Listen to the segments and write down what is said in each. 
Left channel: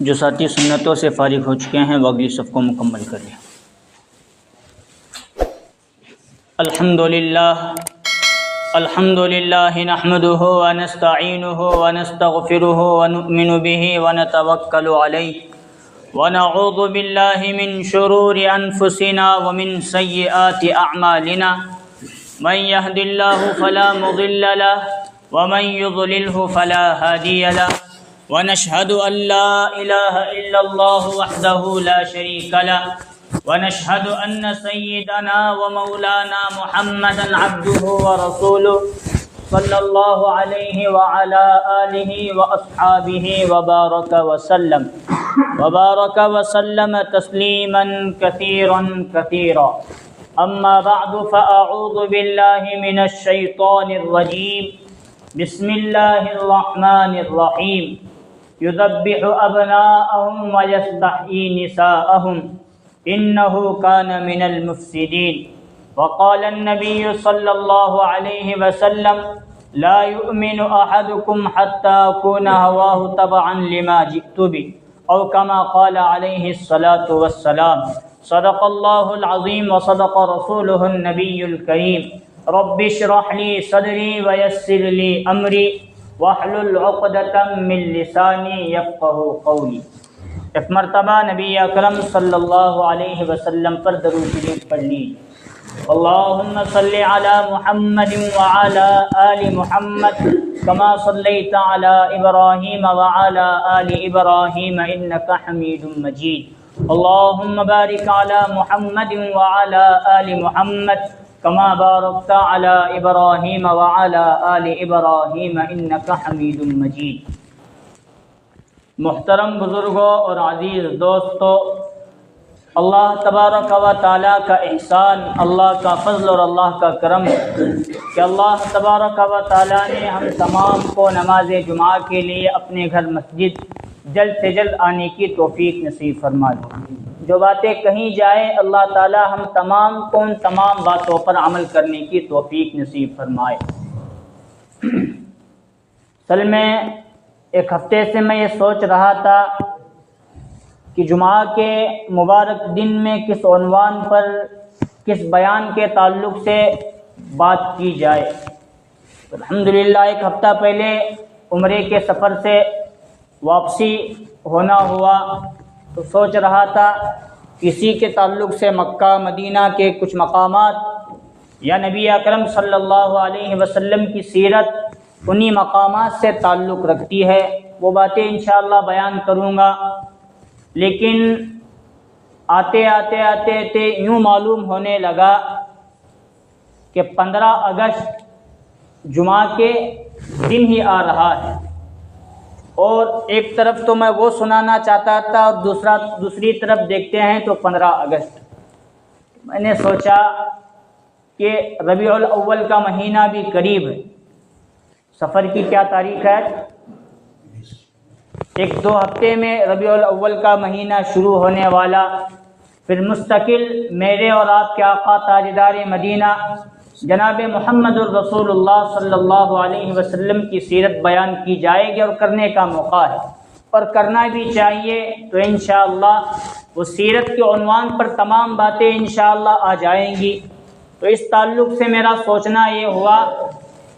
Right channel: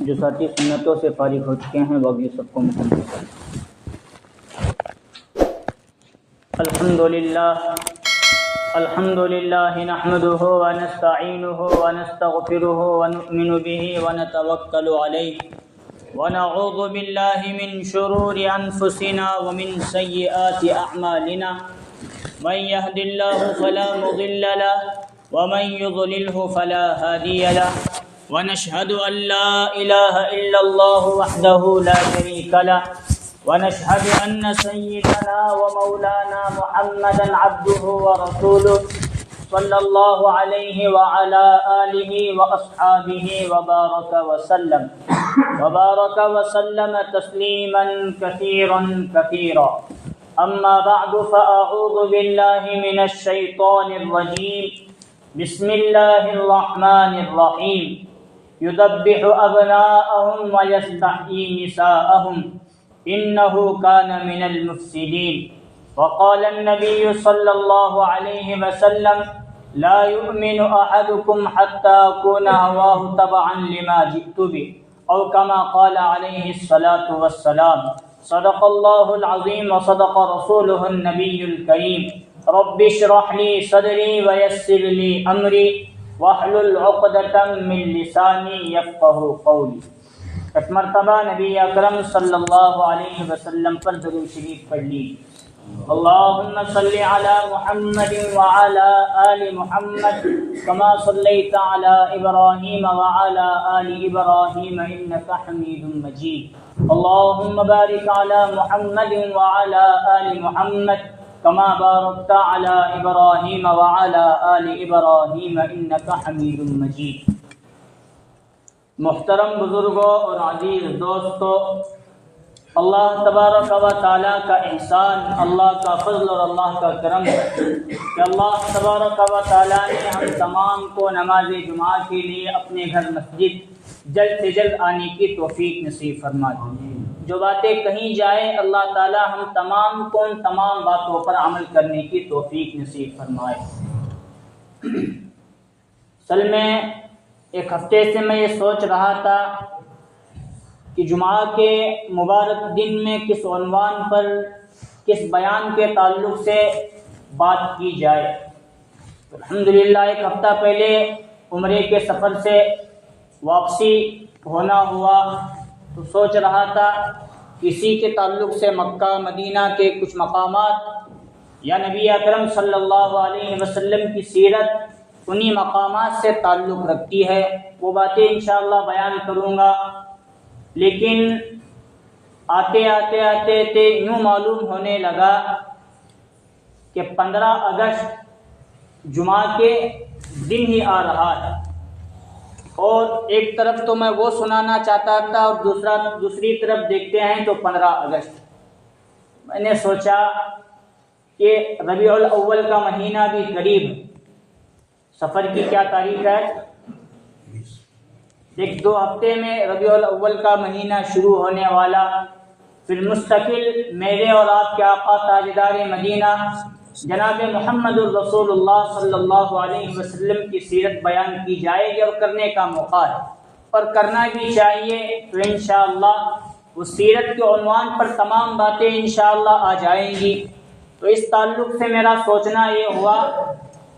جو ساتھی سنتوں سے فارغ ہو چکے ہیں وہ اگلی صف کو مکمل کر لیں۔ الحمد للہ نحمده ونستعینه ونستغفره ونؤمن به ونتوکل علیہ ونعوذ باللہ من شرور انفسنا ومن سیئات اعمالنا من يهد الله فلا مضل له ومن يضلله فلا هادي له ونشهد أن لا إله إلا الله وحده لا شريك له ونشهد أن سيدنا ومولانا محمدا عبده ورسوله صلى الله عليه وعلى آله وأصحابه وبارك وسلم تسليما كثيرا أما بعد فأعوذ بالله من الشيطان الرجيم بسم الله الرحمن الرحيم يذبح أبناءهم ويستحيي نساءهم إنه كان من المفسدين وقال النبي صلى الله عليه وسلم لا يؤمن أحدكم حتى أكون هواه تبعا لما جئت به أو كما قال عليه الصلاة والسلام صدق الله العظيم وصدق رسوله النبي الكريم رب اشرح لي صدري ويسر لي أمري واحلل عقدة من لساني يفقهوا قولي۔ ایک مرتبہ نبی اکرم صلی اللہ علیہ وسلم پر درود شریف پڑھ لیجیے۔ اللہم صلی علی محمد وعلی آل محمد کما صلیت علی ابراہیم وعلی آل ابراہیم انک حمید مجید۔ اللہم بارک علی محمد وعلی آل محمد کما بارکت علی ابراہیم وعلی آل ابراہیم انک حمید مجید۔ محترم بزرگوں اور عزیز دوستوں، اللہ تبارک و تعالیٰ کا احسان، اللہ کا فضل اور اللہ کا کرم ہے کہ اللہ تبارک و تعالیٰ نے ہم تمام کو نماز جمعہ کے لیے اپنے گھر مسجد جلد سے جلد آنے کی توفیق نصیب فرما دی۔ جو باتیں کہیں جائیں اللہ تعالیٰ ہم تمام کو ان تمام باتوں پر عمل کرنے کی توفیق نصیب فرمائے۔ اصل میں ایک ہفتے سے میں یہ سوچ رہا تھا کہ جمعہ کے مبارک دن میں کس عنوان پر کس بیان کے تعلق سے بات کی جائے۔ الحمدللہ ایک ہفتہ پہلے عمرے کے سفر سے واپسی ہونا ہوا تو سوچ رہا تھا کسی کے تعلق سے مکہ مدینہ کے کچھ مقامات یا نبی اکرم صلی اللہ علیہ وسلم کی سیرت انہی مقامات سے تعلق رکھتی ہے، وہ باتیں انشاءاللہ بیان کروں گا۔ لیکن آتے یوں معلوم ہونے لگا کہ 15 اگست جمعہ کے دن ہی آ رہا ہے، اور ایک طرف تو میں وہ سنانا چاہتا تھا اور دوسری طرف دیکھتے ہیں تو 15 اگست۔ میں نے سوچا کہ ربیع الاول کا مہینہ بھی قریب ہے، سفر کی کیا تاریخ ہے؟ 1-2 ہفتے میں ربیع الاول کا مہینہ شروع ہونے والا، پھر مستقل میرے اور آپ کے آقا تاجدار مدینہ جناب محمد الرسول اللہ صلی اللہ علیہ وسلم کی سیرت بیان کی جائے گی، اور کرنے کا موقع ہے اور کرنا بھی چاہیے۔ تو انشاءاللہ وہ سیرت کے عنوان پر تمام باتیں انشاءاللہ آ جائیں گی۔ تو اس تعلق سے میرا سوچنا یہ ہوا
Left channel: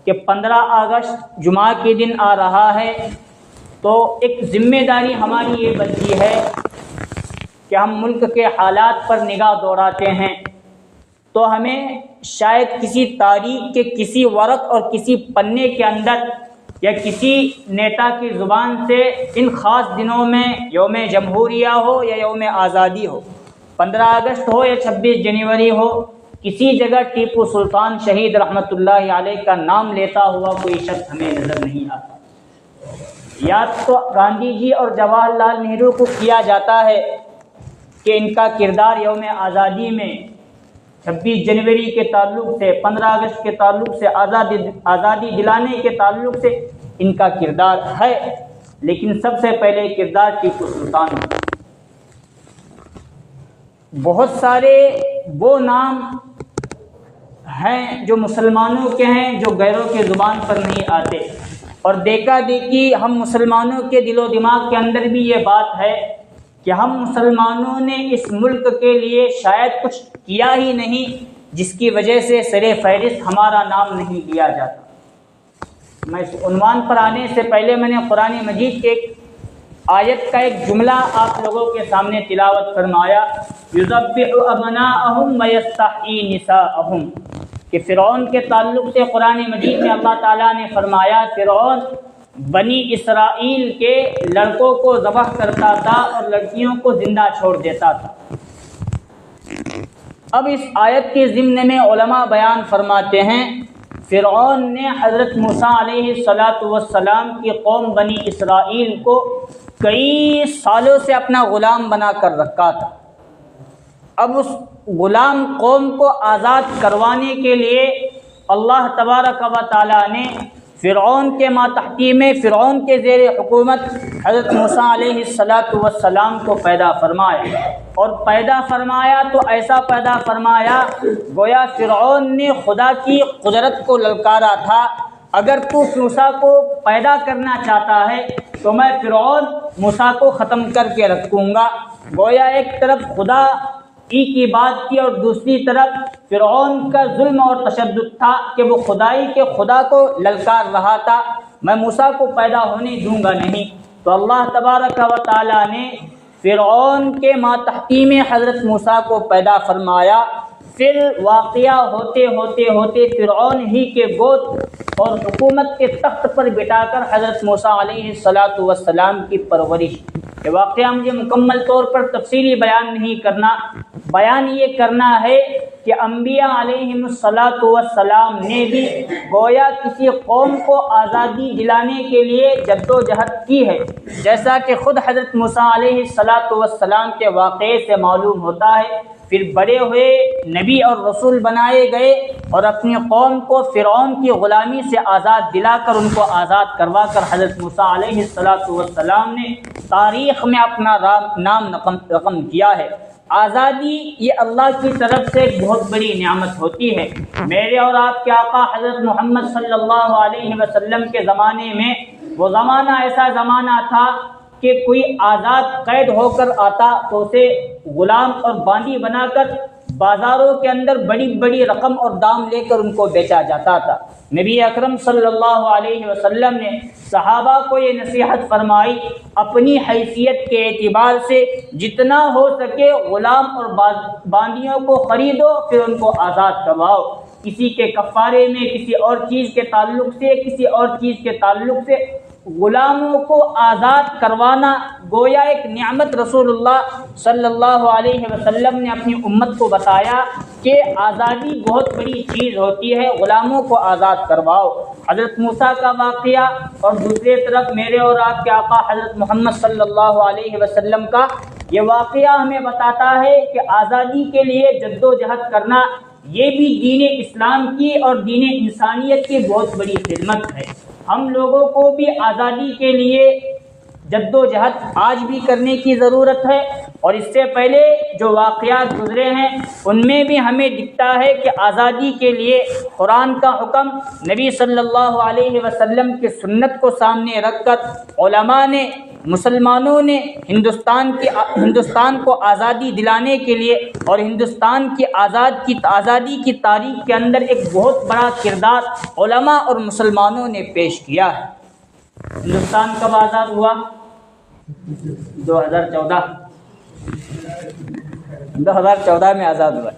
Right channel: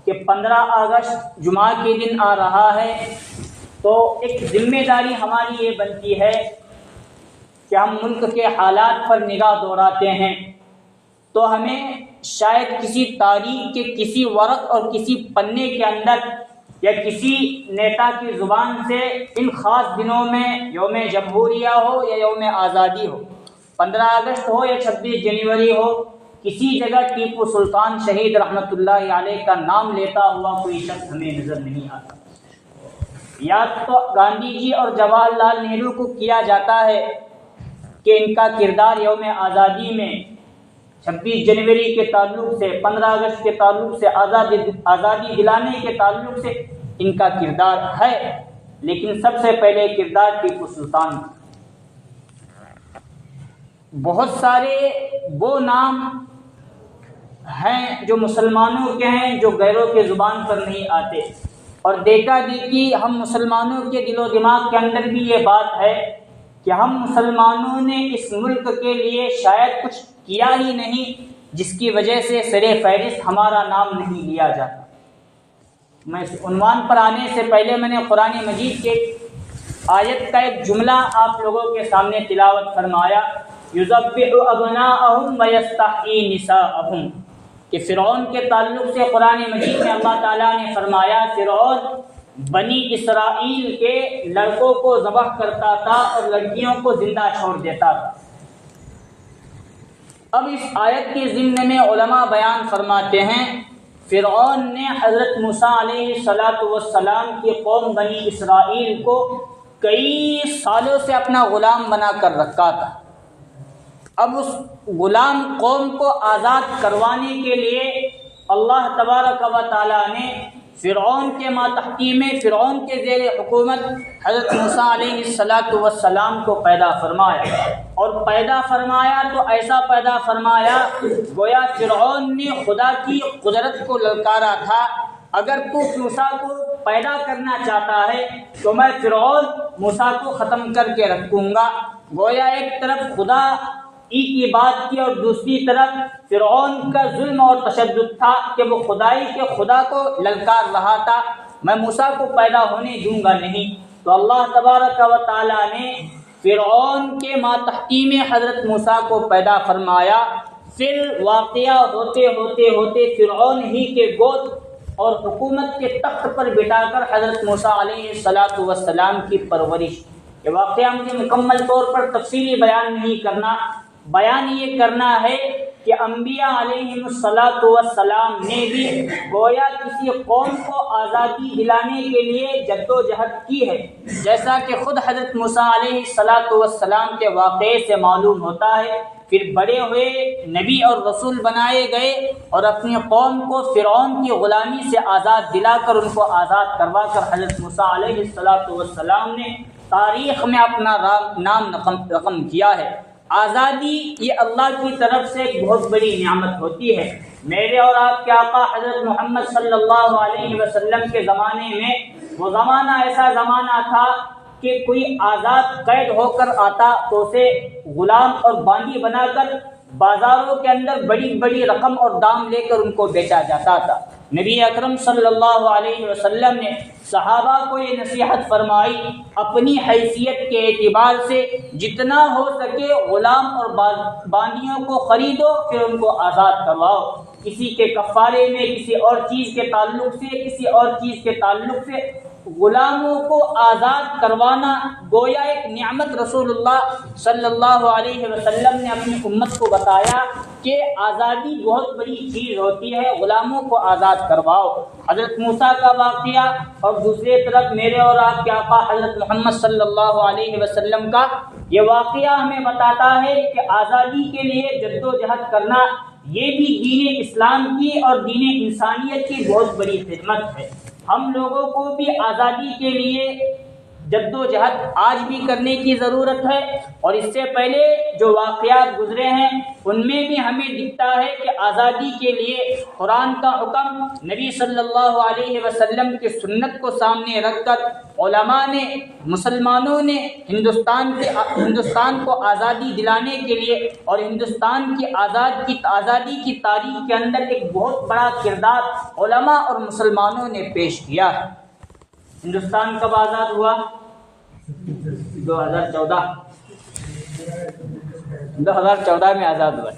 کہ 15 اگست جمعہ کے دن آ رہا ہے، تو ایک ذمہ داری ہماری یہ بنتی ہے کہ ہم ملک کے حالات پر نگاہ دوڑاتے ہیں تو ہمیں شاید کسی تاریخ کے کسی ورق اور کسی پنے کے اندر یا کسی نیتا کی زبان سے ان خاص دنوں میں یوم جمہوریہ ہو یا یوم آزادی ہو، 15 اگست ہو یا 26 جنوری ہو، کسی جگہ ٹیپو سلطان شہید رحمۃ اللہ علیہ کا نام لیتا ہوا کوئی شخص ہمیں نظر نہیں آتا۔ یاد تو گاندھی جی اور جواہر لال نہرو کو کیا جاتا ہے کہ ان کا کردار یوم آزادی میں 26 جنوری کے تعلق سے، 15 اگست کے تعلق سے، آزادی دلانے کے تعلق سے ان کا کردار ہے، لیکن سب سے پہلے کردار ٹیپو سلطان کا۔ بہت سارے وہ نام ہیں جو مسلمانوں کے ہیں جو غیروں کے زبان پر نہیں آتے، اور دیکھا دیکھی ہم مسلمانوں کے دل و دماغ کے اندر بھی یہ بات ہے کہ ہم مسلمانوں نے اس ملک کے لیے شاید کچھ کیا ہی نہیں جس کی وجہ سے سر فہرست ہمارا نام نہیں لیا جاتا۔ میں اس عنوان پر آنے سے پہلے میں نے قرآن مجید کے آیت کا ایک جملہ آپ لوگوں کے سامنے تلاوت فرمایا، یذبح ابناءہم ویستحیی نساءہم، کہ فرعون کے تعلق سے قرآن مجید میں اللہ تعالیٰ نے فرمایا فرعون بنی اسرائیل کے لڑکوں کو ذبح کرتا تھا اور لڑکیوں کو زندہ چھوڑ دیتا تھا۔ اب اس آیت کے ضمن میں علماء بیان فرماتے ہیں فرعون نے حضرت موسیٰ علیہ السلام کی قوم بنی اسرائیل کو کئی سالوں سے اپنا غلام بنا کر رکھا تھا۔ اب اس غلام قوم کو آزاد کروانے کے لیے اللہ تبارک و تعالیٰ نے فرعون کے ماتحتی میں فرعون کے زیر حکومت حضرت موسیٰ علیہ السلام کو پیدا فرمایا، اور پیدا فرمایا تو ایسا پیدا فرمایا گویا فرعون نے خدا کی قدرت کو للکارا تھا، اگر تو موسیٰ کو پیدا کرنا چاہتا ہے تو میں فرعون موسیٰ کو ختم کر کے رکھوں گا۔ گویا ایک طرف خدا کی بات کی اور دوسری طرف فرعون کا ظلم اور تشدد تھا کہ وہ خدائی کے خدا کو للکار رہا تھا، میں موسیٰ کو پیدا ہونے دوں گا نہیں۔ تو اللہ تبارک و تعالیٰ نے فرعون کے ماتحتی میں حضرت موسیٰ کو پیدا فرمایا۔ پھر واقعہ ہوتے ہوتے ہوتے فرعون ہی کے گود اور حکومت کے تخت پر بٹھا کر حضرت موسیٰ علیہ السلام کی پرورش۔ یہ واقعہ مجھے مکمل طور پر تفصیلی بیان نہیں کرنا، بیان یہ کرنا ہے کہ انبیاء علیہم السلام نے بھی گویا کسی قوم کو آزادی دلانے کے لیے جدوجہد کی ہے، جیسا کہ خود حضرت موسیٰ علیہ السلام کے واقعے سے معلوم ہوتا ہے۔ پھر بڑے ہوئے نبی اور رسول بنائے گئے اور اپنی قوم کو فرعون کی غلامی سے آزاد دلا کر ان کو آزاد کروا کر حضرت موسیٰ علیہ السلام نے تاریخ میں اپنا نام رقم کیا ہے۔ آزادی یہ اللہ کی طرف سے ایک بہت بڑی نعمت ہوتی ہے۔ میرے اور آپ کے آقا حضرت محمد صلی اللہ علیہ وسلم کے زمانے میں وہ زمانہ ایسا زمانہ تھا کہ کوئی آزاد قید ہو کر آتا تو اسے غلام اور باندی بنا کر بازاروں کے اندر بڑی بڑی رقم اور دام لے کر ان کو بیچا جاتا تھا۔ نبی اکرم صلی اللہ علیہ وسلم نے صحابہ کو یہ نصیحت فرمائی، اپنی حیثیت کے اعتبار سے جتنا ہو سکے غلام اور باندیوں کو خریدو، پھر ان کو آزاد کرواؤ۔ کسی کے کفارے میں، کسی اور چیز کے تعلق سے، کسی اور چیز کے تعلق سے غلاموں کو آزاد کروانا گویا ایک نعمت رسول اللہ صلی اللہ علیہ وسلم نے اپنی امت کو بتایا کہ آزادی بہت بڑی چیز ہوتی ہے، غلاموں کو آزاد کرواؤ۔ حضرت موسیٰ کا واقعہ اور دوسری طرف میرے اور آپ کے آقا حضرت محمد صلی اللہ علیہ وسلم کا یہ واقعہ ہمیں بتاتا ہے کہ آزادی کے لیے جدوجہد کرنا یہ بھی دین اسلام کی اور دین انسانیت کی بہت بڑی خدمت ہے۔ ہم لوگوں کو بھی آزادی کے لیے جدوجہد آج بھی کرنے کی ضرورت ہے، اور اس سے پہلے جو واقعات گزرے ہیں ان میں بھی ہمیں دکھتا ہے کہ آزادی کے لیے قرآن کا حکم، نبی صلی اللہ علیہ وسلم کی سنت کو سامنے رکھ کر علماء نے، مسلمانوں نے ہندوستان کو آزادی دلانے کے لیے اور ہندوستان کی آزادی کی تاریخ کے اندر ایک بہت بڑا کردار علماء اور مسلمانوں نے پیش کیا ہے۔ ہندوستان کب آزاد ہوا؟ 2014 میں آزاد ہوا۔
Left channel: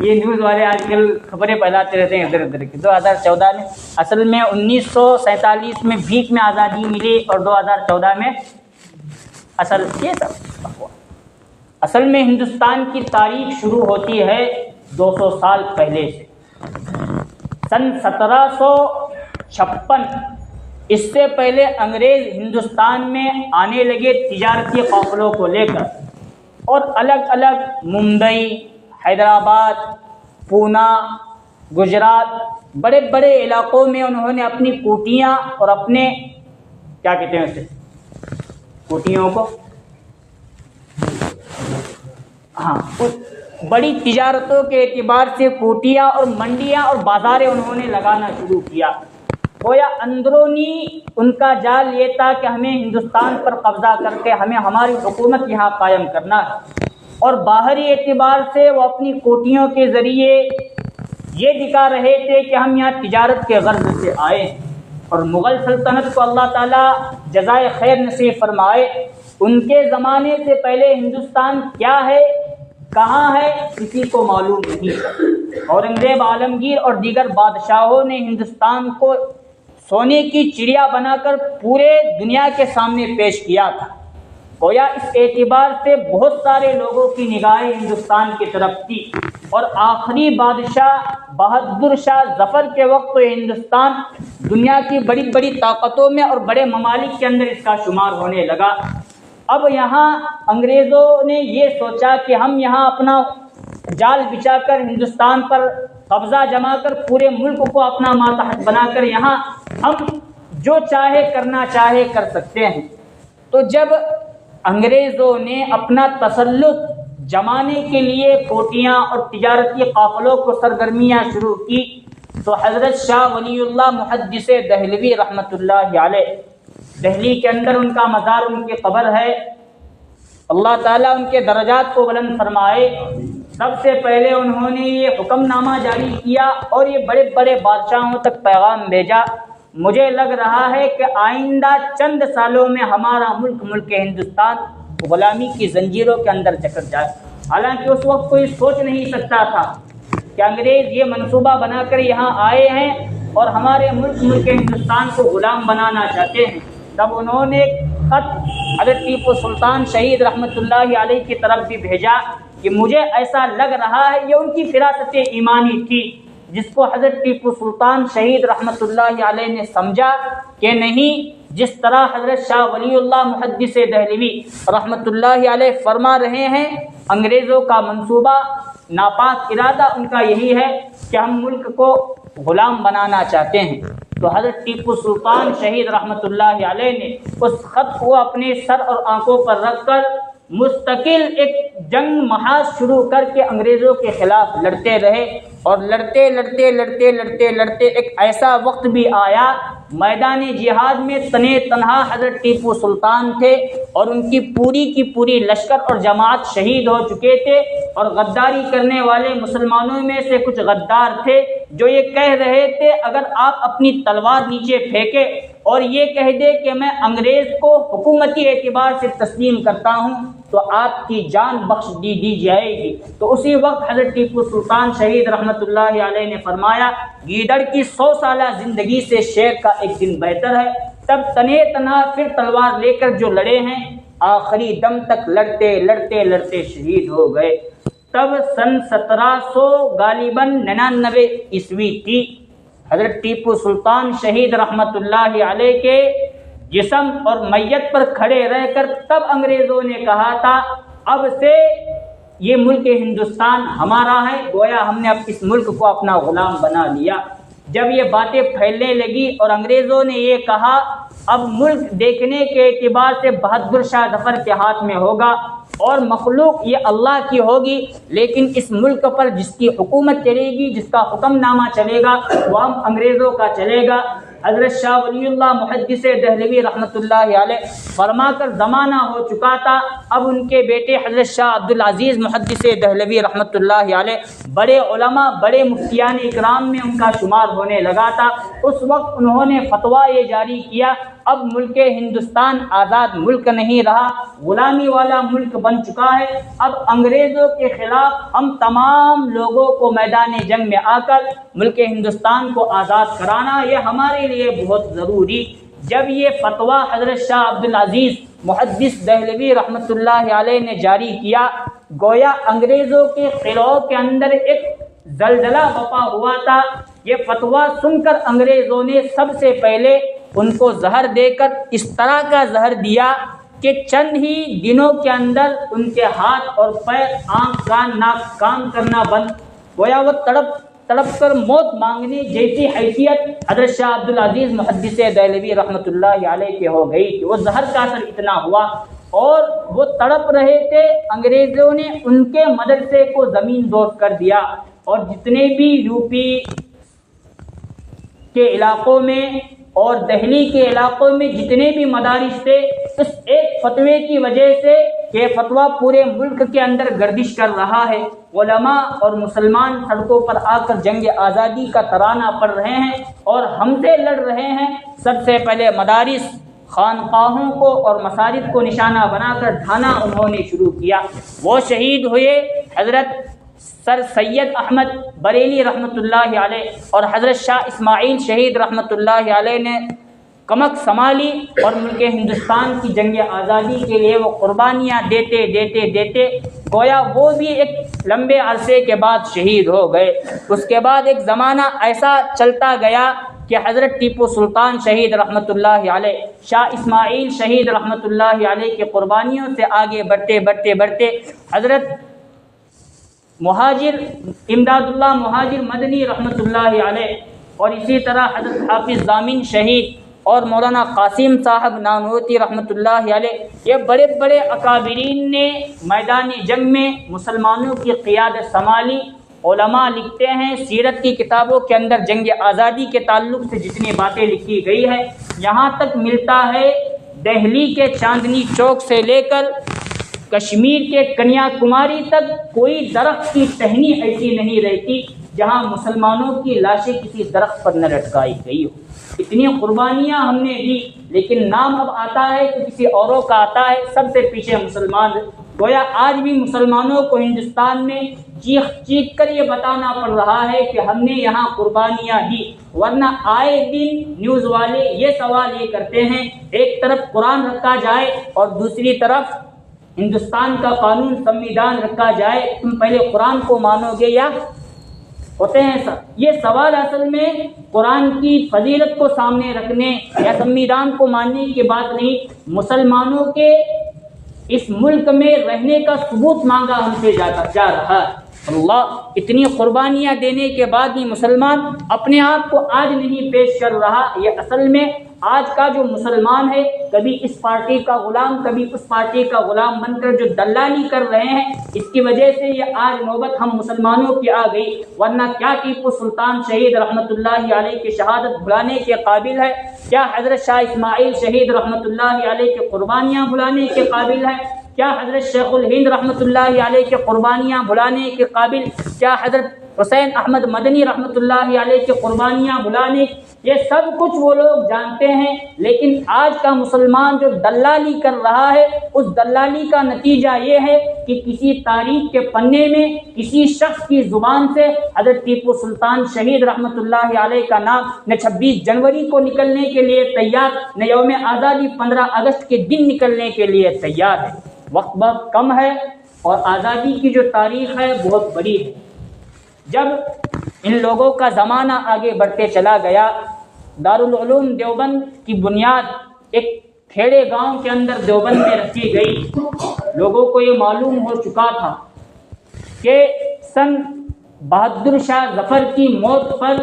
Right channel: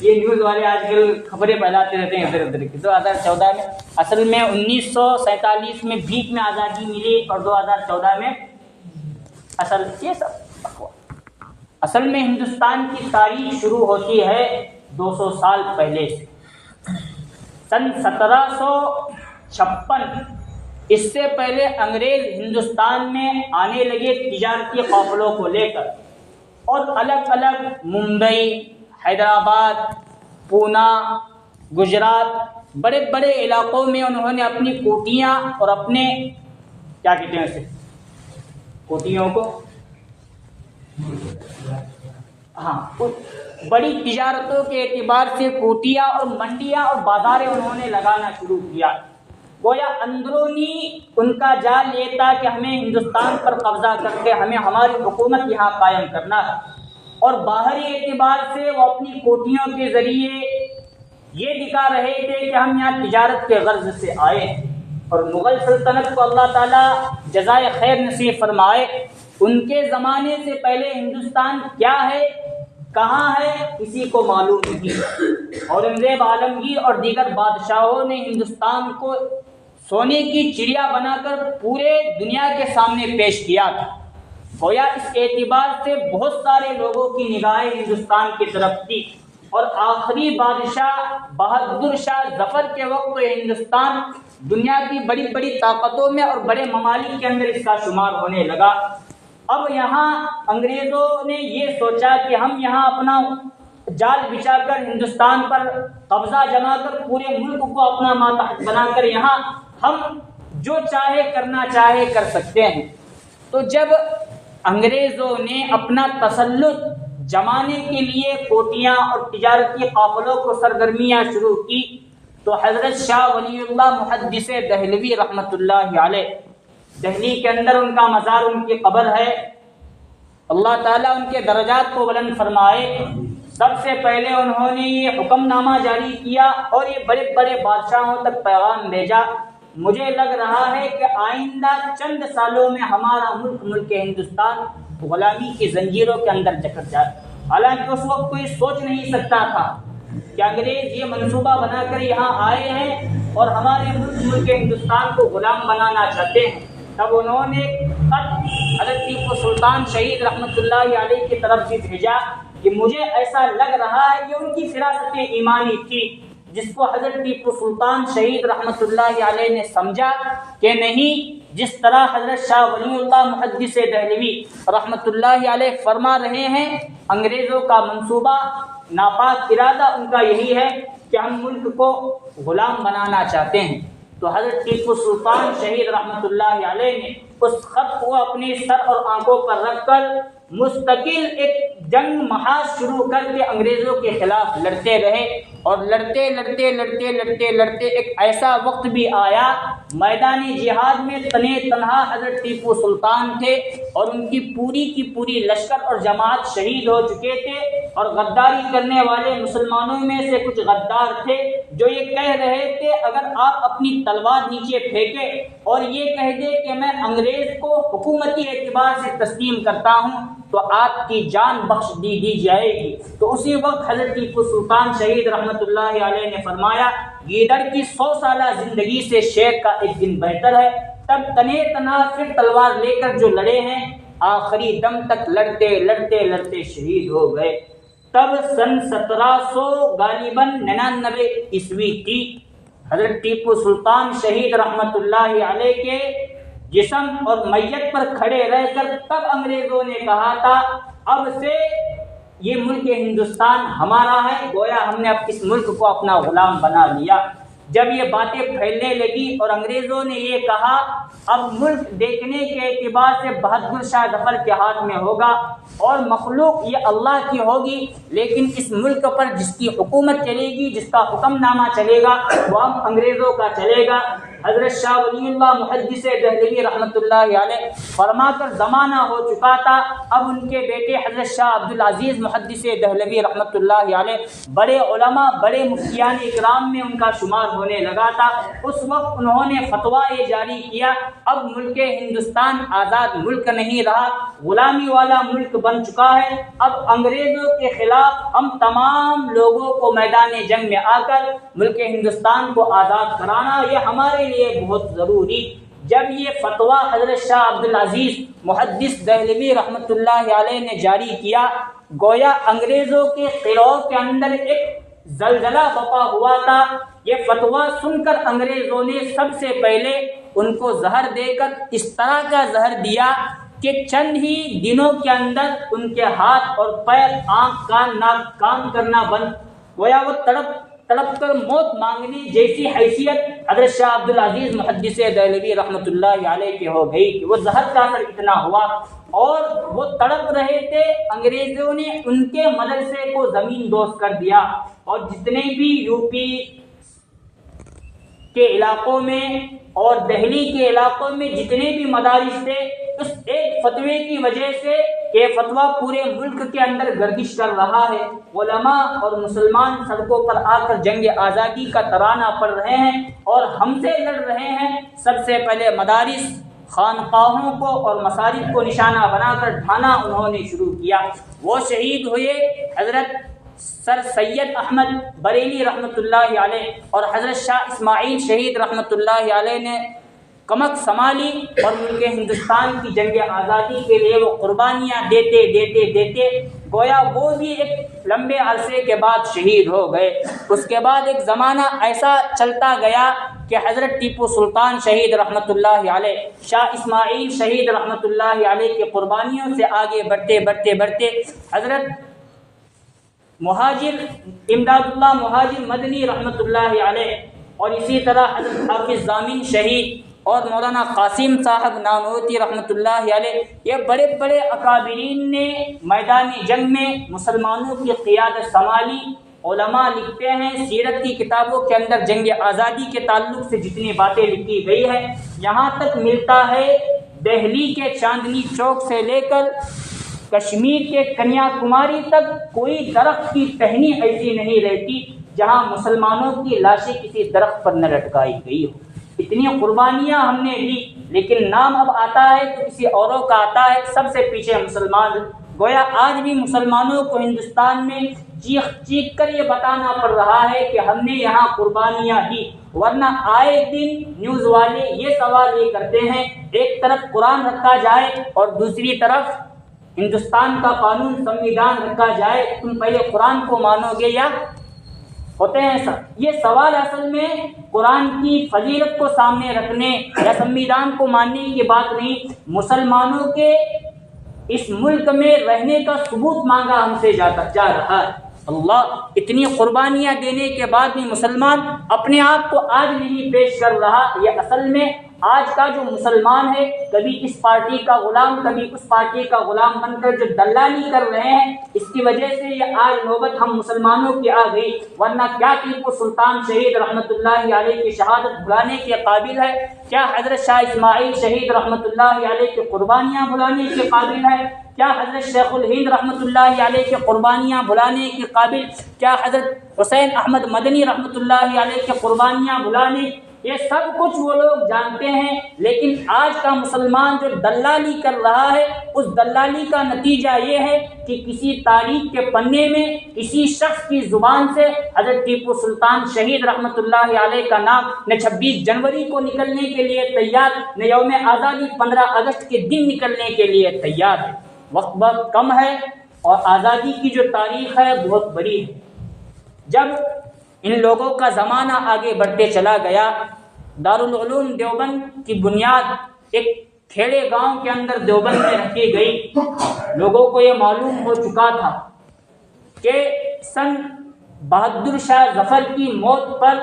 یہ نیوز والے آج کل خبریں پھیلاتے رہتے ہیں ادھر ادھر کی۔ 2014 میں اصل میں 1947 میں بھیک میں آزادی ملی اور 2014 میں اصل میں ہندوستان کی تاریخ شروع ہوتی ہے 200 سال پہلے سے، سن 1756۔ اس سے پہلے انگریز ہندوستان میں آنے لگے تجارتی قافلوں کو لے کر، اور الگ الگ ممبئی، حیدرآباد، پونا، گجرات، بڑے بڑے علاقوں میں انہوں نے اپنی کوٹیاں اور اپنے کیا کہتے ہیں اسے، کوٹیوں کو، بڑی تجارتوں کے اعتبار سے کوٹیاں اور منڈیاں اور بازاریں انہوں نے لگانا شروع کیا۔ گویا اندرونی ان کا جال یہ تھا کہ ہمیں ہندوستان پر قبضہ کر کے ہمیں ہماری حکومت یہاں قائم کرنا، اور باہری اعتبار سے وہ اپنی کوٹیوں کے ذریعے یہ دکھا رہے تھے کہ ہم یہاں تجارت کے غرض سے آئے ہیں۔ اور مغل سلطنت کو اللہ تعالیٰ جزائے خیر نصیب فرمائے، ان کے زمانے سے پہلے ہندوستان کیا ہے، کہاں ہے، کسی کو معلوم نہیں۔ اورنگزیب عالمگیر اور دیگر بادشاہوں نے ہندوستان کو سونے کی چڑیا بنا کر پورے دنیا کے سامنے پیش کیا تھا۔ گویا اس اعتبار سے بہت سارے لوگوں کی نگاہیں ہندوستان کی طرف تھی، اور آخری بادشاہ بہادر شاہ ظفر کے وقت تو ہندوستان دنیا کی بڑی بڑی طاقتوں میں اور بڑے ممالک کے اندر اس کا شمار ہونے لگا۔ اب یہاں انگریزوں نے یہ سوچا کہ ہم یہاں اپنا جال بچھا کر ہندوستان پر قبضہ جما کر پورے ملک کو اپنا ماتحت بنا کر یہاں ہم جو چاہے کرنا چاہے کر سکتے ہیں۔ تو جب انگریزوں نے اپنا تسلط جمانے کے لیے کوٹیاں اور تجارتی قافلوں کو سرگرمیاں شروع کی، تو حضرت شاہ ولی اللہ محدث دہلوی رحمۃ اللہ علیہ، دہلی کے اندر ان کا مزار، ان کی قبر ہے، اللہ تعالیٰ ان کے درجات کو بلند فرمائے، سب سے پہلے انہوں نے یہ حکم نامہ جاری کیا اور یہ بڑے بڑے بادشاہوں تک پیغام بھیجا، مجھے لگ رہا ہے کہ آئندہ چند سالوں میں ہمارا ملک ہندوستان غلامی کی زنجیروں کے اندر جکڑ جائے۔ حالانکہ اس وقت کوئی سوچ نہیں سکتا تھا کہ انگریز یہ منصوبہ بنا کر یہاں آئے ہیں اور ہمارے ملک ہندوستان کو غلام بنانا چاہتے ہیں۔ تب انہوں نے خط حضرت ٹیپو سلطان شہید رحمۃ اللہ علیہ کی طرف بھی بھیجا کہ مجھے ایسا لگ رہا ہے، یہ ان کی فراست ایمانی تھی جس کو حضرت ٹیپو سلطان شہید رحمۃ اللہ علیہ نے سمجھا کہ نہیں، جس طرح حضرت شاہ ولی اللہ محدث دہلوی رحمۃ اللہ علیہ فرما رہے ہیں، انگریزوں کا منصوبہ، ناپاک ارادہ ان کا یہی ہے کہ ہم ملک کو غلام بنانا چاہتے ہیں۔ تو حضرت ٹیپو سلطان شہید رحمۃ اللہ علیہ نے اس خط کو اپنے سر اور آنکھوں پر رکھ کر مستقل ایک جنگ محاذ شروع کر کے انگریزوں کے خلاف لڑتے رہے، اور لڑتے لڑتے لڑتے لڑتے لڑتے ایک ایسا وقت بھی آیا میدان جہاد میں تنے تنہا حضرت ٹیپو سلطان تھے، اور ان کی پوری لشکر اور جماعت شہید ہو چکے تھے، اور غداری کرنے والے مسلمانوں میں سے کچھ غدار تھے جو یہ کہہ رہے تھے اگر آپ اپنی تلوار نیچے پھینکے اور یہ کہہ دے کہ میں انگریز کو حکومتی اعتبار سے تسلیم کرتا ہوں تو آپ کی جان بخش دی جائے گی۔ تو اسی وقت حضرت ٹیپو سلطان شہید رحمۃ اللہ علیہ نے فرمایا، گیدڑ کی 100 سالہ زندگی سے شیر کا ایک دن بہتر ہے۔ تب تنے تنہا پھر تلوار لے کر جو لڑے ہیں، آخری دم تک لڑتے لڑتے لڑتے شہید ہو گئے۔ تب سن 1700 غالباً 99 عیسوی تھی۔ حضرت ٹیپو سلطان شہید رحمۃ اللہ علیہ کے جسم اور میت پر کھڑے رہ کر تب انگریزوں نے کہا تھا اب سے یہ ملک ہندوستان ہمارا ہے، گویا ہم نے اب اس ملک کو اپنا غلام بنا لیا۔ جب یہ باتیں پھیلنے لگی اور انگریزوں نے یہ کہا اب ملک دیکھنے کے اعتبار سے بہادر شاہ ظفر کے ہاتھ میں ہوگا اور مخلوق یہ اللہ کی ہوگی، لیکن اس ملک پر جس کی حکومت چلے گی، جس کا حکم نامہ چلے گا، وہ ہم انگریزوں کا چلے گا۔ حضرت شاہ ولی اللہ محدث دہلوی رحمۃ اللہ علیہ فرما کر زمانہ ہو چکا تھا، اب ان کے بیٹے حضرت شاہ عبدالعزیز محدث دہلوی رحمۃ اللہ علیہ بڑے علماء، بڑے مفتیان اکرام میں ان کا شمار ہونے لگا تھا۔ اس وقت انہوں نے فتویٰ یہ جاری کیا اب ملک ہندوستان آزاد ملک نہیں رہا، غلامی والا ملک بن چکا ہے۔ اب انگریزوں کے خلاف ہم تمام لوگوں کو میدان جنگ میں آ کر ملک ہندوستان کو آزاد کرانا یہ ہمارے لیے بہت ضروری۔ جب یہ فتویٰ حضرت شاہ عبدالعزیز محدث دہلوی رحمۃ اللہ علیہ نے جاری کیا، گویا انگریزوں کے خلاؤ کے اندر ایک زلزلہ بپا ہوا تھا۔ یہ فتویٰ سن کر انگریزوں نے سب سے پہلے ان کو زہر دے کر اس طرح کا زہر دیا کہ چند ہی دنوں کے اندر ان کے ہاتھ اور پیر، آنکھ، کان، ناک کام کرنا بند، گویا وہ تڑپ کر موت مانگنے جیسی حیثیت حضرت شاہ عبدالعزیز محدث دہلوی رحمۃ اللہ علیہ کے ہو گئی کہ وہ زہر کا اثر اتنا ہوا اور وہ تڑپ رہے تھے۔ انگریزوں نے ان کے مدرسے کو زمین دوز کر دیا اور جتنے بھی یو پی کے علاقوں میں اور دہلی کے علاقوں میں جتنے بھی مدارس تھے، اس ایک فتوے کی وجہ سے کہ فتویٰ پورے ملک کے اندر گردش کر رہا ہے، علماء اور مسلمان سڑکوں پر آ کر جنگ آزادی کا ترانہ پڑھ رہے ہیں اور ہم سے لڑ رہے ہیں۔ سب سے پہلے مدارس، خانقاہوں کو اور مساجد کو نشانہ بنا کر ڈھانا انہوں نے شروع کیا۔ وہ شہید ہوئے حضرت سر سید احمد بریلی رحمۃ اللہ علیہ، اور حضرت شاہ اسماعیل شہید رحمۃ اللہ علیہ نے کمک سنبھالی اور ملک ہندوستان کی جنگ آزادی کے لیے وہ قربانیاں دیتے گویا وہ بھی ایک لمبے عرصے کے بعد شہید ہو گئے۔ اس کے بعد ایک زمانہ ایسا چلتا گیا کہ حضرت ٹیپو سلطان شہید رحمۃ اللہ علیہ، شاہ اسماعیل شہید رحمۃ اللہ علیہ کی قربانیوں سے آگے بڑھتے حضرت مہاجر امداد اللہ مہاجر مدنی رحمۃ اللہ علیہ، اور اسی طرح حضرت حافظ ضامن شہید اور مولانا قاسم صاحب نانوتی رحمۃ اللہ علیہ، یہ بڑے بڑے اکابرین نے میدان جنگ میں مسلمانوں کی قیادت سنبھالی۔ علماء لکھتے ہیں سیرت کی کتابوں کے اندر جنگ آزادی کے تعلق سے جتنی باتیں لکھی گئی ہے، یہاں تک ملتا ہے دہلی کے چاندنی چوک سے لے کر کشمیر کے کنیا کماری تک کوئی درخت کی ٹہنی ایسی نہیں رہتی جہاں مسلمانوں کی لاشیں کسی درخت پر نہ لٹکائی گئی ہو۔ اتنی قربانیاں ہم نے دی، لیکن نام اب آتا ہے تو کسی اوروں کا آتا ہے، سب سے پیچھے مسلمان۔ گویا آج بھی مسلمانوں کو ہندوستان میں چیخ کر یہ بتانا پڑ رہا ہے کہ ہم نے یہاں قربانیاں دی، ورنہ آئے دن نیوز والے یہ سوال یہ کرتے ہیں، ایک طرف قرآن رکھا جائے اور دوسری طرف ہندوستان کا قانون سنویدھان رکھا جائے، تم پہلے قرآن کو مانو گے یا ہوتے ہیں سر؟ یہ سوال اصل میں قرآن کی فضیلت کو سامنے رکھنے یا سنویدھان کو ماننے کی بات نہیں، مسلمانوں کے اس ملک میں رہنے کا ثبوت مانگا ہم سے جا رہا ہے۔ اللہ اتنی قربانیاں دینے کے بعد بھی مسلمان اپنے آپ کو آج نہیں پیش کر رہا۔ یہ اصل میں آج کا جو مسلمان ہے، کبھی اس پارٹی کا غلام کبھی اس پارٹی کا غلام بن کر جو دلالی کر رہے ہیں، اس کی وجہ سے یہ آج نوبت ہم مسلمانوں کی آ گئی، ورنہ کیا ٹیپو سلطان شہید رحمۃ اللہ علیہ کی شہادت بھلانے کے قابل ہے؟ کیا حضرت شاہ اسماعیل شہید رحمۃ اللہ علیہ کی قربانیاں بھلانے کے قابل ہے؟ کیا حضرت شیخ الہند رحمۃ اللہ علیہ کی قربانیاں بھلانے کے قابل؟ کیا حضرت حسین احمد مدنی رحمۃ اللہ علیہ کی قربانیاں بھلانے؟ یہ سب کچھ وہ لوگ جانتے ہیں، لیکن آج کا مسلمان جو دلالی کر رہا ہے، اس دلالی کا نتیجہ یہ ہے کہ کسی تاریخ کے پنے میں کسی شخص کی زبان سے حضرت ٹیپو سلطان شہید رحمۃ اللہ علیہ کا نام نہ 26 جنوری کو نکلنے کے لیے تیار، نہ یوم آزادی 15 اگست کے دن نکلنے کے لیے تیار ہے۔ وقت بہت کم ہے اور آزادی کی جو تاریخ ہے بہت بڑی ہے۔ جب ان لوگوں کا زمانہ آگے بڑھتے چلا گیا، دارالعلوم دیوبند کی بنیاد ایک کھیڑے گاؤں کے اندر دیوبند میں رکھی گئی۔ لوگوں کو یہ معلوم ہو چکا تھا کہ سن بہادر شاہ ظفر کی موت پر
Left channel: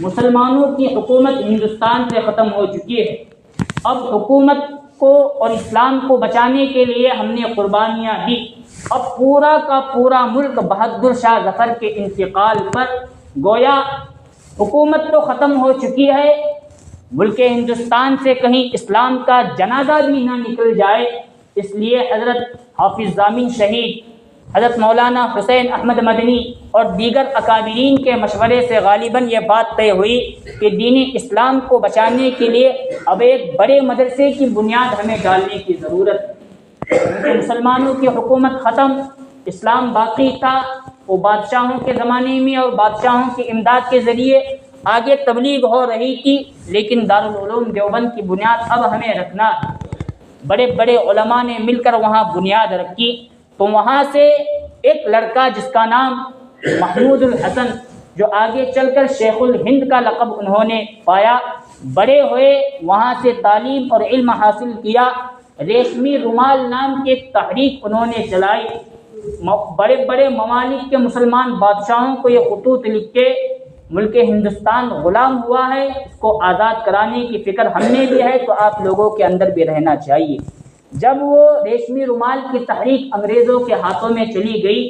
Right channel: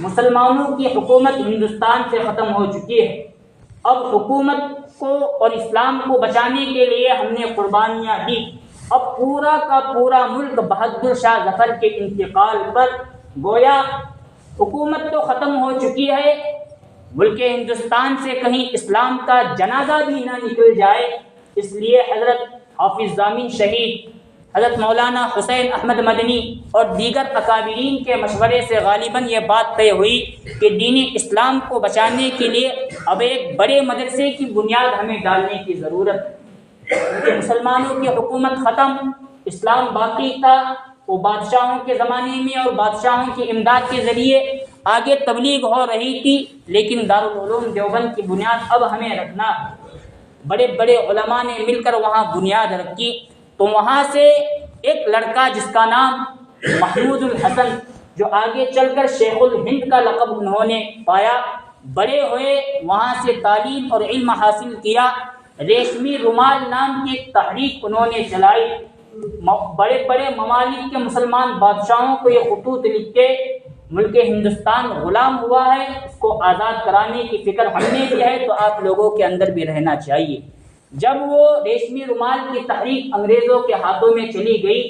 مسلمانوں کی حکومت ہندوستان سے ختم ہو چکی ہے۔ اب حکومت کو اور اسلام کو بچانے کے لیے ہم نے قربانیاں دی۔ اب پورا کا پورا ملک بہادر شاہ ظفر کے انتقال پر گویا حکومت تو ختم ہو چکی ہے، ملک ہندوستان سے کہیں اسلام کا جنازہ بھی نہ نکل جائے، اس لیے حضرت حافظ ضامن شہید، حضرت مولانا حسین احمد مدنی اور دیگر اکابرین کے مشورے سے غالباً یہ بات طے ہوئی کہ دین اسلام کو بچانے کے لیے اب ایک بڑے مدرسے کی بنیاد ہمیں ڈالنے کی ضرورت ہے، کیونکہ مسلمانوں کی حکومت ختم، اسلام باقی تھا، وہ بادشاہوں کے زمانے میں اور بادشاہوں کی امداد کے ذریعے آگے تبلیغ ہو رہی تھی، لیکن دارالعلوم دیوبند کی بنیاد اب ہمیں رکھنا ہے۔ بڑے بڑے علماء نے مل کر وہاں بنیاد رکھی، تو وہاں سے ایک لڑکا جس کا نام محمود الحسن، جو آگے چل کر شیخ الہند کا لقب انہوں نے پایا، بڑے ہوئے، وہاں سے تعلیم اور علم حاصل کیا، ریشمی رومال نام کی ایک تحریک انہوں نے چلائی، بڑے بڑے ممالک کے مسلمان بادشاہوں کو یہ خطوط لکھ کے ملک ہندوستان غلام ہوا ہے، اس کو آزاد کرانے کی فکر ہم نے بھی ہے، تو آپ لوگوں کے اندر بھی رہنا چاہیے۔ جب وہ ریشمی رومال کی تحریک انگریزوں کے ہاتھوں میں چلی گئی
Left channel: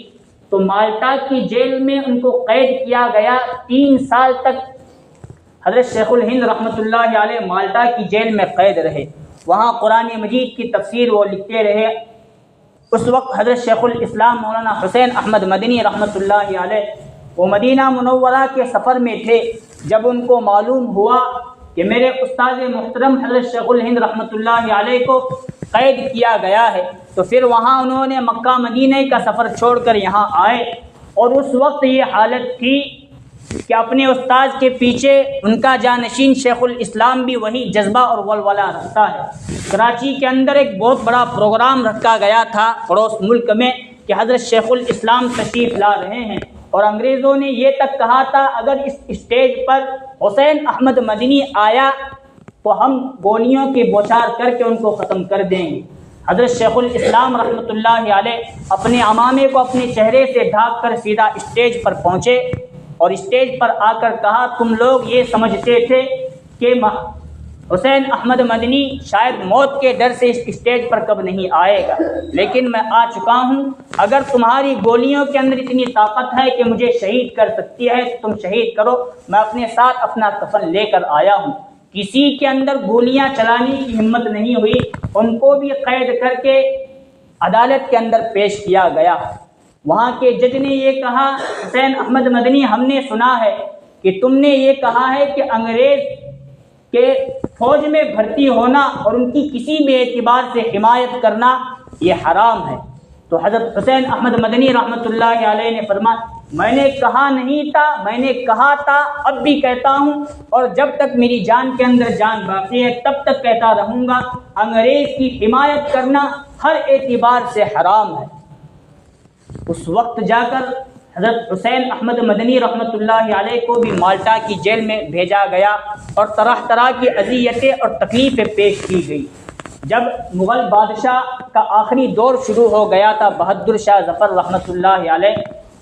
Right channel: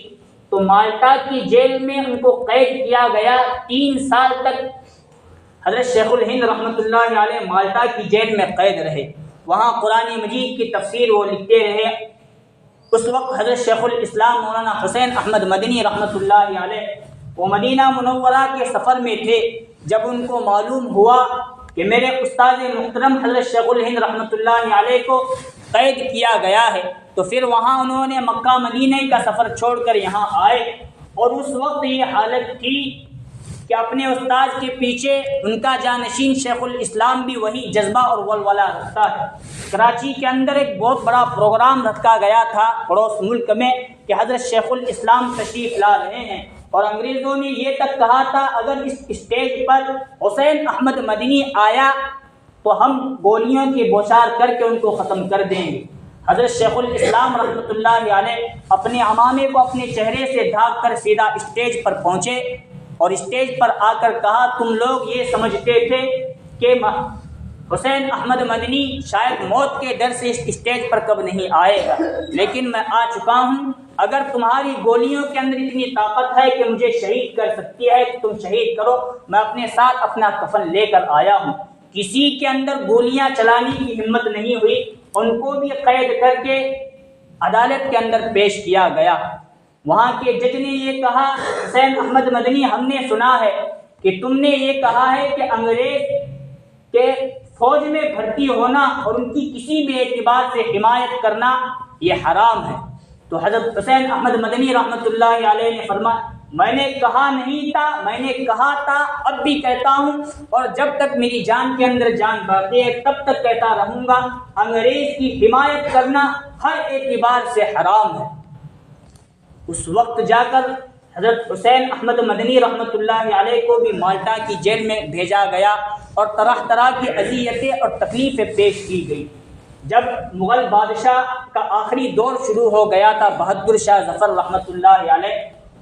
تو مالٹا کی جیل میں ان کو قید کیا گیا، 3 سال تک حضرت شیخ الہند رحمۃ اللہ علیہ مالٹا کی جیل میں قید رہے، وہاں قرآن مجید کی تفسیر وہ لکھتے رہے۔ اس وقت حضرت شیخ الاسلام مولانا حسین احمد مدنی رحمۃ اللہ علیہ وہ مدینہ منورہ کے سفر میں تھے۔ جب ان کو معلوم ہوا کہ میرے استاد محترم حضرت شیخ الہند رحمۃ اللہ علیہ کو قید کیا گیا ہے، تو پھر وہاں انہوں نے مکہ مدینہ کا سفر چھوڑ کر یہاں آئے، اور اس وقت یہ حالت تھی کہ اپنے استاد کے پیچھے ان کا جانشین شیخ الاسلام بھی وہی جذبہ اور ولولہ رکھتا ہے۔ کراچی کے اندر ایک بہت بڑا پروگرام رکھا گیا تھا پڑوس ملک میں کہ حضرت شیخ الاسلام تشریف لا رہے ہیں، اور انگریزوں نے یہ تک کہا تھا اگر اس اسٹیج پر حسین احمد مدنی آیا تو ہم گولیوں کی بوچھار کر کے ان کو ختم کر دیں گے۔ حضرت شیخ الاسلام رحمۃ اللہ علیہ اپنے عمامے کو اپنے چہرے سے ڈھانپ کر سیدھا اسٹیج پر پہنچے، اور اسٹیج پر آ کر کہا تم لوگ یہ سمجھتے تھے کہ حسین احمد مدنی شاید موت کے ڈر سے اس اسٹیج پر کب نہیں آئے گا، لیکن میں آ چکا ہوں۔ اگر تمہاری گولیوں کے اندر اتنی طاقت ہے کہ مجھے شہید کر سکتی ہے تو تم شہید کرو، میں اپنے ساتھ اپنا کفن لے کر آیا ہوں۔ کسی کے اندر گولیاں چلانے کی ہمت نہیں ہوئی، ان کو بھی قید کر کے عدالت کے اندر پیش کیا گیا۔ وہاں کے جج نے یہ کہا حسین احمد مدنی ہم نے سنا ہے کہ تم نے یہ کہا ہے کہ انگریز کے فوج میں بھرتی ہونا اور ان کی کسی بھی اعتبار سے حمایت کرنا یہ حرام ہے۔ تو حضرت حسین احمد مدنی رحمۃ اللہ علیہ نے فرمایا میں نے کہا نہیں تھا، میں نے کہا تھا، اب بھی کہتا ہوں، اور جب تک میری جان کے اندر جان باقی ہے تب تک کہتا رہوں گا، انگریز کی حمایت کرنا ہر اعتبار سے حرام ہے۔ اس وقت جا کر حضرت حسین احمد مدنی رحمۃ اللہ علیہ کو بھی مالٹا کی جیل میں بھیجا گیا، اور طرح طرح کی اذیتیں اور تکلیفیں پیش کی گئی۔ جب مغل بادشاہ کا آخری دور شروع ہو گیا تھا بہادر شاہ ظفر رحمۃ اللہ علیہ،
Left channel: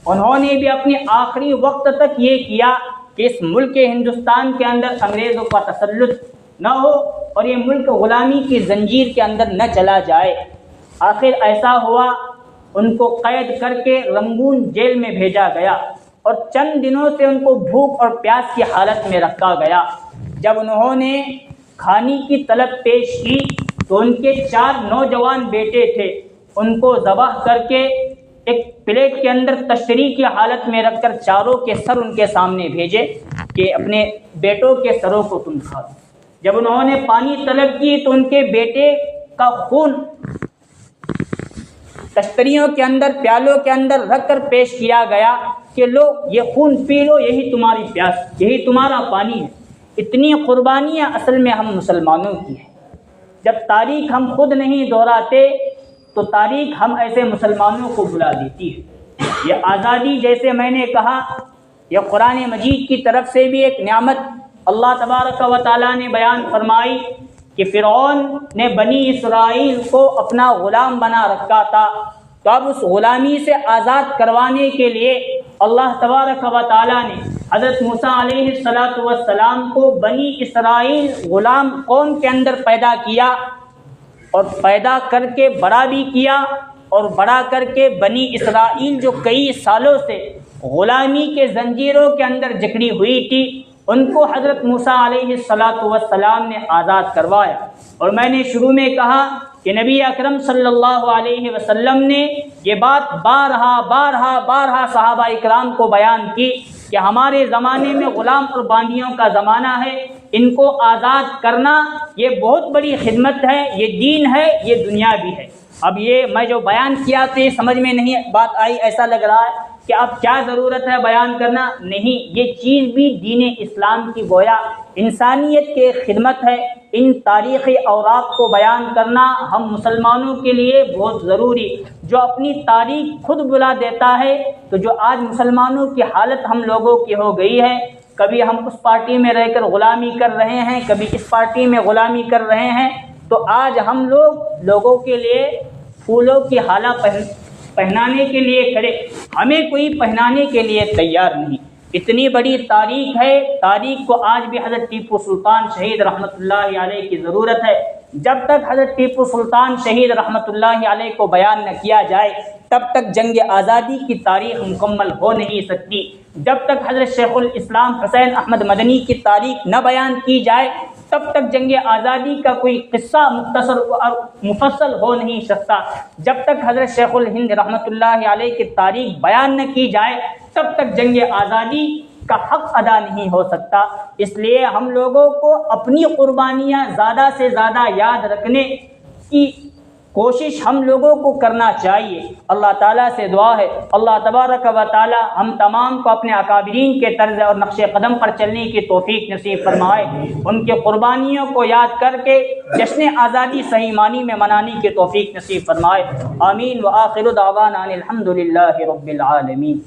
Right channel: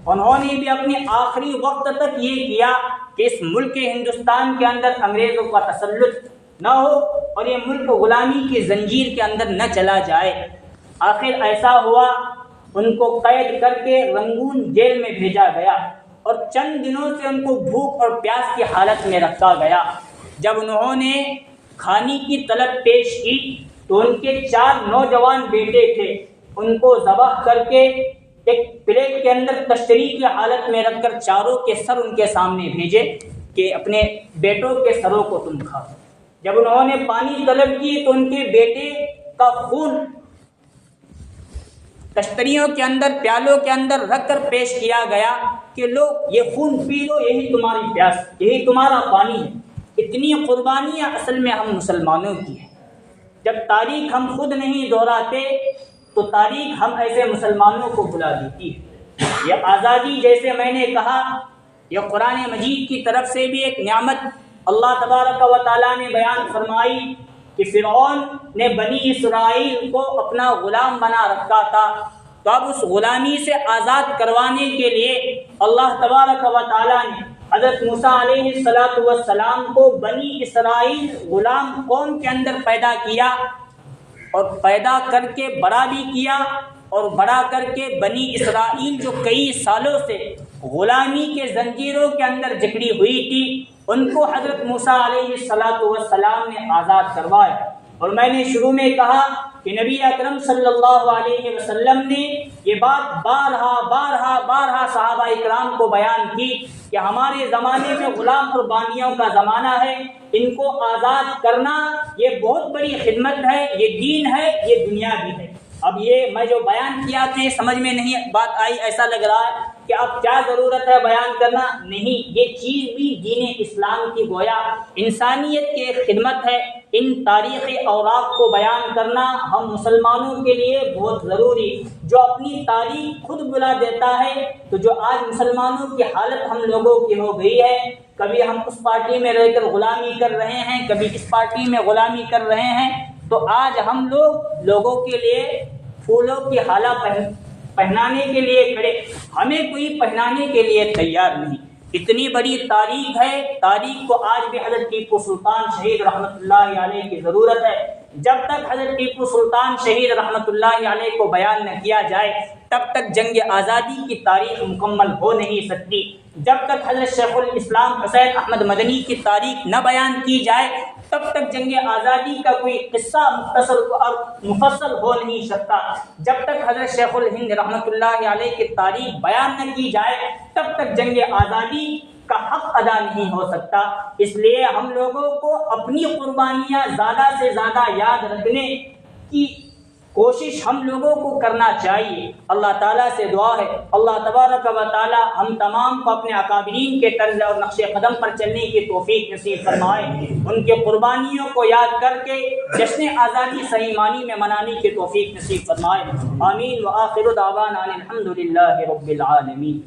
انہوں نے بھی اپنے آخری وقت تک یہ کیا کہ اس ملک ہندوستان کے اندر انگریزوں کا تسلط نہ ہو اور یہ ملک غلامی کی زنجیر کے اندر نہ چلا جائے۔ آخر ایسا ہوا، ان کو قید کر کے رنگون جیل میں بھیجا گیا، اور چند دنوں سے ان کو بھوک اور پیاس کی حالت میں رکھا گیا۔ جب انہوں نے کھانے کی طلب پیش کی تو ان کے 4 نوجوان بیٹے تھے، ان کو ذبح کر کے ایک پلیٹ کے اندر تشتری کی حالت میں رکھ کر چاروں کے سر ان کے سامنے بھیجے کہ اپنے بیٹوں کے سروں کو تم کھاؤ۔ جب انہوں نے پانی طلب کی تو ان کے بیٹے کا خون تشتریوں کے اندر پیالوں کے اندر رکھ کر پیش کیا گیا کہ لو یہ خون پی لو، یہی تمہاری پیاس، یہی تمہارا پانی ہے۔ اتنی قربانیاں اصل میں ہم مسلمانوں کی ہیں۔ جب تاریخ ہم خود نہیں دہراتے تو تاریخ ہم ایسے مسلمانوں کو بلا دیتی ہے۔ یہ آزادی جیسے میں نے کہا یہ قرآن مجید کی طرف سے بھی ایک نعمت اللہ تبارک و تعالیٰ نے بیان فرمائی کہ فرعون نے بنی اسرائیل کو اپنا غلام بنا رکھا تھا، تو اب اس غلامی سے آزاد کروانے کے لیے اللہ تبارک و تعالیٰ نے حضرت موسیٰ علیہ السلام کو بنی اسرائیل غلام قوم کے اندر پیدا کیا، اور پیدا کر کے بڑا بھی کیا، اور بڑا کر کے بنی اسرائیل جو کئی سالوں سے غلامی کے زنجیروں کے اندر جکڑی ہوئی تھی ان کو حضرت موسیٰ علیہ السلام نے آزاد کروایا۔ اور میں نے شروع میں کہا کہ نبی اکرم صلی اللہ علیہ وسلم نے یہ بات بارہا صحابہ اکرام کو بیان کی کہ ہمارے زمانے میں غلام اور باندیوں کا زمانہ ہے، ان کو آزاد کرنا یہ بہت بڑی خدمت ہے، یہ دین ہے، یہ دنیا بھی ہے۔ اب یہ میں جو بیان کیا تو یہ سمجھ میں نہیں بات آئی، ایسا لگ رہا ہے کہ اب کیا ضرورت ہے بیان کرنا، نہیں، یہ چیز بھی دین اسلام کی گویا انسانیت کی خدمت ہے۔ ان تاریخی اوراق کو بیان کرنا ہم مسلمانوں کے لیے بہت ضروری، جو اپنی تاریخ خود بلا دیتا ہے۔ تو جو آج مسلمانوں کی حالت ہم لوگوں کی ہو گئی ہے، کبھی ہم اس پارٹی میں رہ کر غلامی کر رہے ہیں، کبھی اس پارٹی میں غلامی کر رہے ہیں، تو آج ہم لوگوں کے لیے پھولوں کی حالہ پہنانے کے لیے کھڑے، ہمیں کوئی پہنانے کے لیے تیار نہیں۔ اتنی بڑی تاریخ ہے، تاریخ کو آج بھی حضرت ٹیپو سلطان شہید رحمۃ اللہ علیہ کی ضرورت ہے۔ جب تک حضرت ٹیپو سلطان شہید رحمۃ اللہ علیہ کو بیان نہ کیا جائے تب تک جنگ آزادی کی تاریخ مکمل ہو نہیں سکتی۔ جب تک حضرت شیخ الاسلام حسین احمد مدنی کی تاریخ نہ بیان کی جائے تب تک جنگ آزادی کا کوئی قصہ مختصر اور مفصل ہو نہیں سکتا۔ جب تک حضرت شیخ الہند رحمۃ اللہ علیہ کی تاریخ بیان نہ کی جائے تب تک جنگ آزادی کا حق ادا نہیں ہو سکتا۔ اس لیے ہم لوگوں کو اپنی قربانیاں زیادہ سے زیادہ یاد رکھنے کی کوشش ہم لوگوں کو کرنا چاہیے۔ اللہ تعالیٰ سے دعا ہے اللہ تبارک و تعالیٰ ہم تمام کو اپنے اکابرین کے طرز اور نقش قدم پر چلنے کی توفیق نصیب فرمائے، ان کے قربانیوں کو یاد کر کے جشن آزادی صحیح معنی میں منانے کی توفیق نصیب فرمائے۔ آمین وآخر دعوانا ان الحمد للہ رب العالمین۔